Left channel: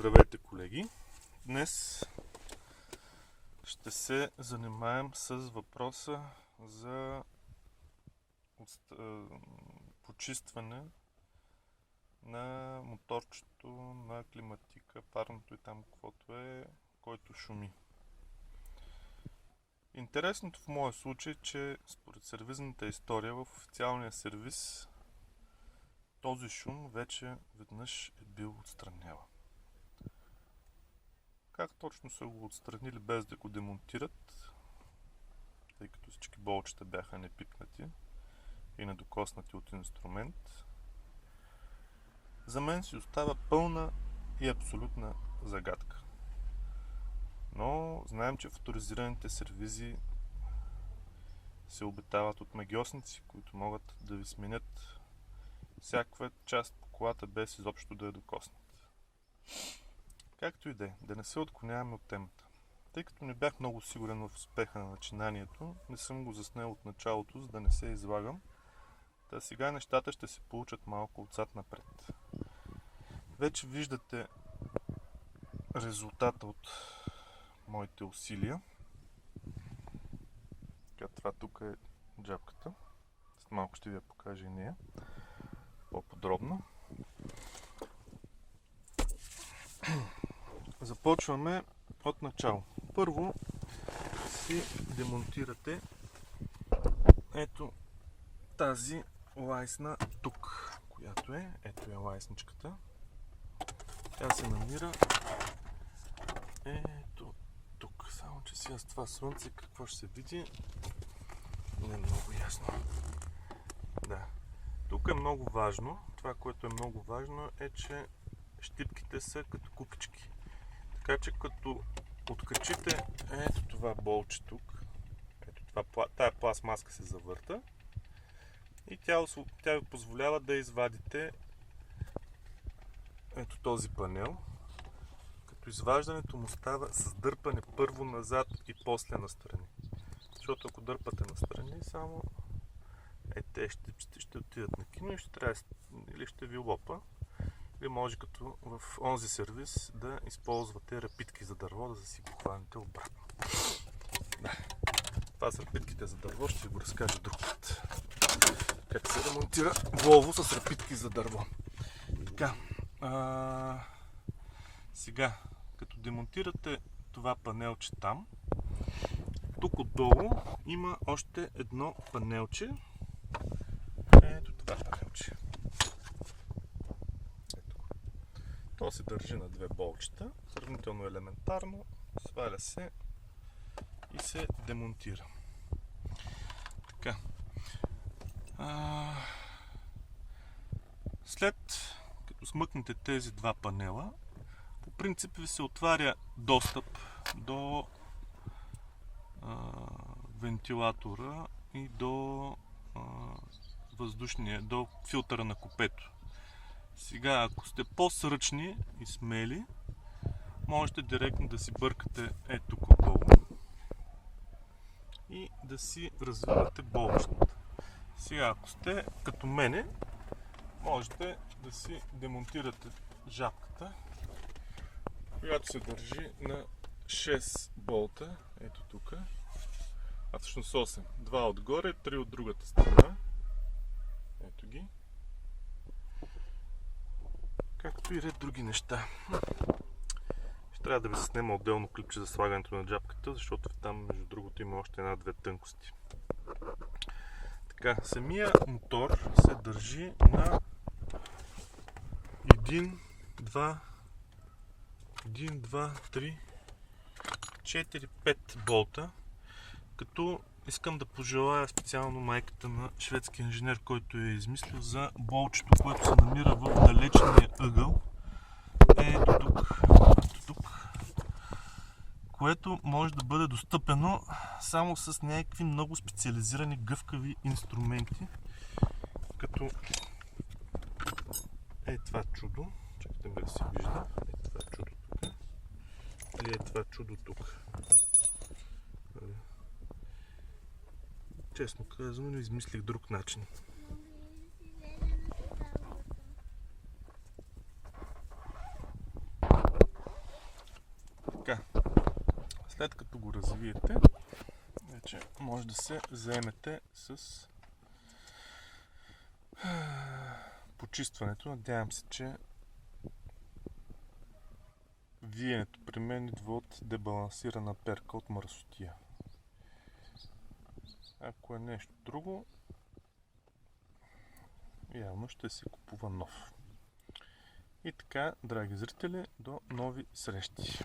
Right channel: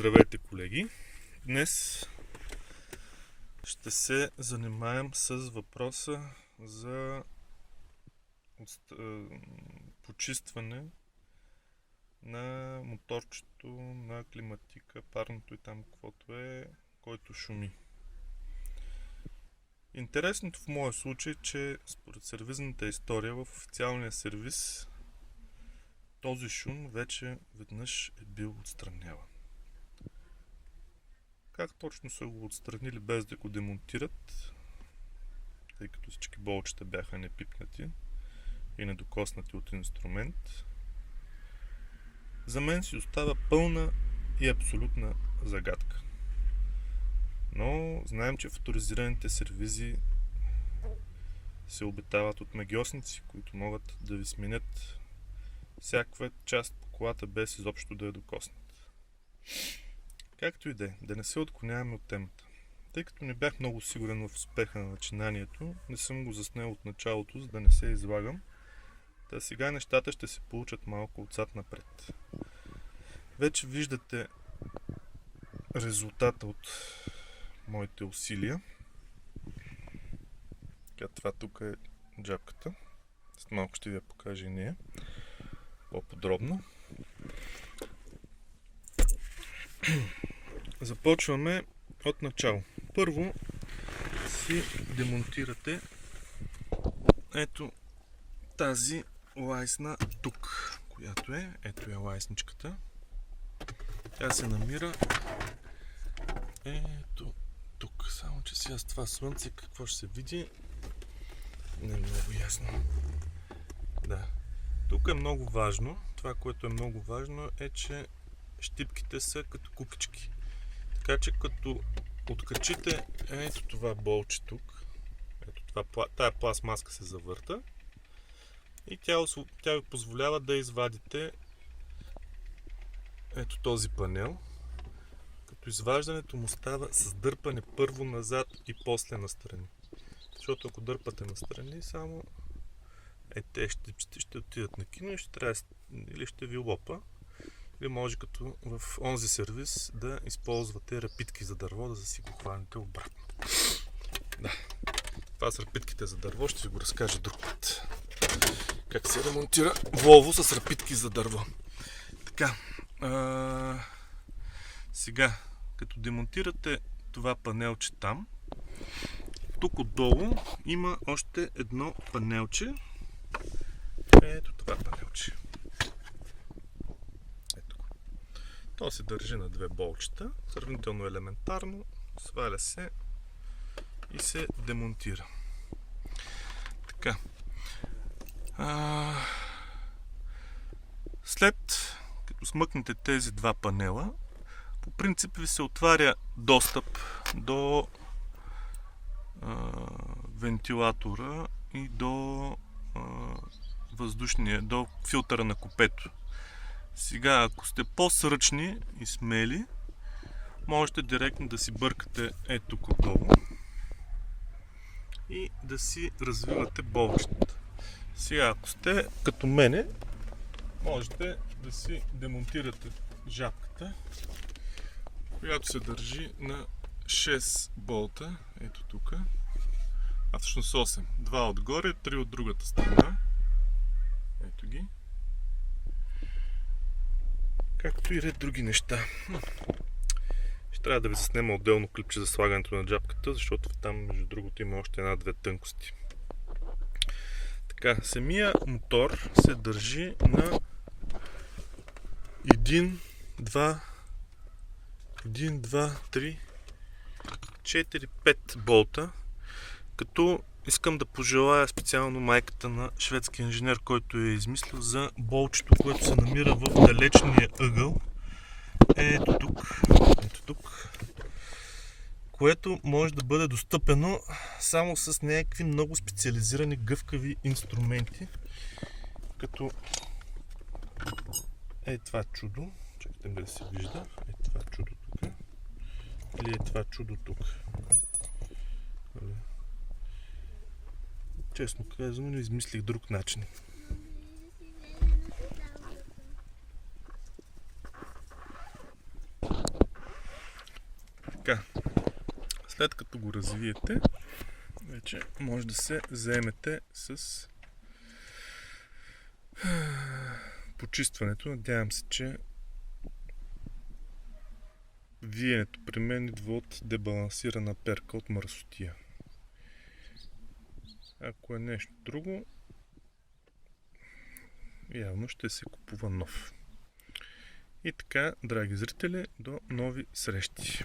Здравейте, колеги! Днес ще се занимаем с въпроса за почистване на моторчето, на климатика, парното и там каквото е, който шуми. Интересното в моя случай е, че според сервизната история в официалния сервиз този шум вече веднъж е бил отстраняван. Как точно са го отстранили без да го демонтират, тъй като всички болчета бяха непипнати и недокоснати от инструмент, за мен си остава пълна и абсолютна загадка. Но знаем, че в авторизираните сервизи се обитават от магьосници, които могат да ви сменят всякаква част по колата без изобщо да я докоснат. Както и да не се отклоняваме от темата. Тъй като не бях много сигурен в успеха на начинанието, не съм го заснел от началото, за да не се излагам. Та сега нещата ще се получат малко отзад напред. Вече виждате резултата от моите усилия. Това тук е джапката. След малко ще ви я покажа и нея по-подробно. Започваме от начало. Първо си демонтирате ето тази лайсна тук, която е. Ето е лайсничката. Тя се намира ето тук. Само че сега с това слънце какво ще се види не е много ясно. Да. Тук е много важно. Това, което е много важно е, че щипките са като кукички. Така че като откачите ето това болче тук, ето това, тая пластмаска се завърта и тя ви позволява да извадите ето този панел, като изваждането му става с дърпане първо назад и после настрани. Защото ако дърпате настрани, само те щипците ще отидат на кино и ще трябва или ще ви лопа. Или може като в онзи сервис да използвате рапитки за дърво, да си го хваните обратно. Да, това с рапитките за дърво ще ви го разкажа друг път. Как се ремонтира Volvo с рапитки за дърво. Така, сега, като демонтирате това панелче там, тук отдолу има още едно панелче. Ето това панелче. То се държи на две болчета, сравнително елементарно, сваля се и се демонтира. Така. След като смъкнете тези два панела, по принцип ви се отваря достъп до вентилатора и до до филтъра на купето. Сега, ако сте по-сръчни и смели, можете директно да си бъркате ето тук отдолу и да си развивате болчетата. Сега, ако сте като мене, можете да си демонтирате жабката, която се държи на 6 болта, ето тук, а всъщност 8. 2 отгоре, 3 от другата страна. Ето ги. Както и ред други неща. Ще трябва да ви заснема отделно клипче за слагането на джапката, защото там между другото има още една-две тънкости. Така, самия мотор се държи на 1, 2, 3, 4, 5 болта, като искам да пожелая специално майката на шведски инженер, който е измислил за болчето, което се намира в далечния ъгъл. Ето тук. Което може да бъде достъпено само с някакви много специализирани гъвкави инструменти. Като това чудо. Чакайте да се вижда. Това чудо тук. Или това чудо тук. Честно казано, не измислих друг начин. Така, след като го развиете, вече може да се заемете с почистването. Надявам се, че виенето при мен идва от дебалансирана перка от мърсотия. Ако е нещо друго, явно ще се купува нов. И така, драги зрители, до нови срещи!